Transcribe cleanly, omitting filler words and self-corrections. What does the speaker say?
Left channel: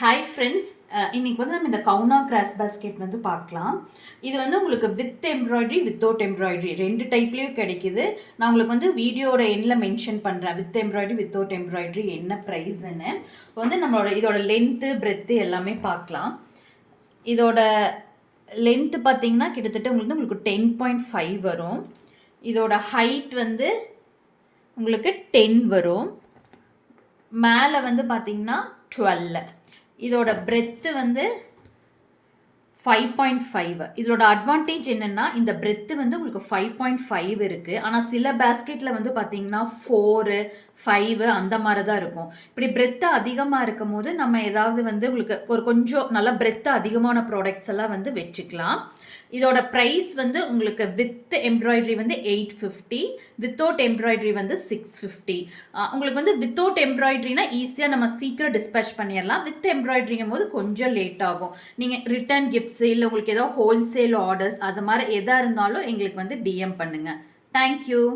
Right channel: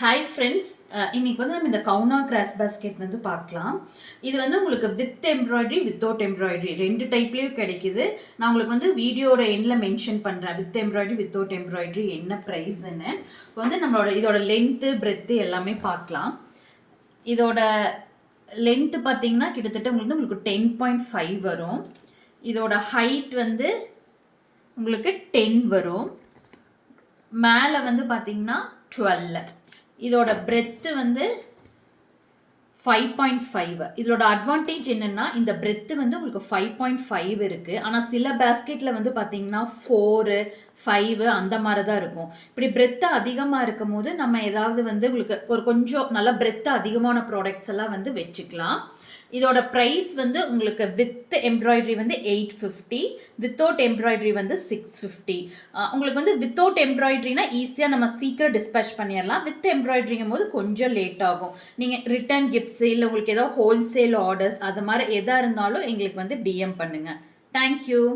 Hi friends, இன்னைக்கு வந்து நம்ம இந்த கவுனா கிராஸ் பாஸ்கெட் வந்து பார்க்கலாம். இது வந்து உங்களுக்கு வித் எம்ப்ராய்டரி வித்தவுட் எம்ப்ராய்டரி ரெண்டு டைப்லேயும் கிடைக்குது. நான் உங்களுக்கு வந்து வீடியோட எண்டில் மென்ஷன் பண்ணுறேன் வித் எம்ப்ராய்டரி வித்தவுட் எம்ப்ராய்டரி என்ன ப்ரைஸ்ன்னு. இப்போ வந்து இதோட லென்த்து பிரெத்து எல்லாமே பார்க்கலாம். இதோட லென்த்து பார்த்தீங்கன்னா கிட்டத்தட்ட உங்களுக்கு 10.5 வரும். இதோட ஹைட் வந்து உங்களுக்கு 10 வரும். மேலே வந்து பார்த்தீங்கன்னா 12. இதோட பிரெத்து வந்து 5.5. இதோட அட்வான்டேஜ் என்னன்னா இந்த பிரெத்து வந்து உங்களுக்கு 5.5 இருக்கு. ஆனால் சில பேஸ்கெட்டில் வந்து பார்த்தீங்கன்னா 4, 5 அந்த மாதிரி தான் இருக்கும். இப்படி பிரெத்து அதிகமாக இருக்கும் போது நம்ம ஏதாவது வந்து உங்களுக்கு கொஞ்சம் நல்லா பிரெத்து அதிகமான ப்ராடக்ட்ஸ் எல்லாம் வந்து வச்சுக்கலாம். இதோட ப்ரைஸ் வந்து உங்களுக்கு வித் எம்ப்ராய்டரி வந்து 850, வித்தவுட் எம்ப்ராய்டரி வந்து 650. உங்களுக்கு வந்து வித்தவுட் எம்ப்ராய்டரினா ஈஸியாக நம்ம சீக்கிரம் டிஸ்பேச் பண்ணிடலாம். வித் எம்ப்ராய்டரிங்கும் போது கொஞ்சம் லேட் ஆகும். நீங்கள் ரிட்டர்ன் கிஃப்ட்ஸ் இல்லை உங்களுக்கு ஏதாவது ஹோல்சேல் ஆர்டர்ஸ் அது மாதிரி எதாக இருந்தாலும் எங்களுக்கு வந்து டிஎம் பண்ணுங்கள். தேங்க்யூ.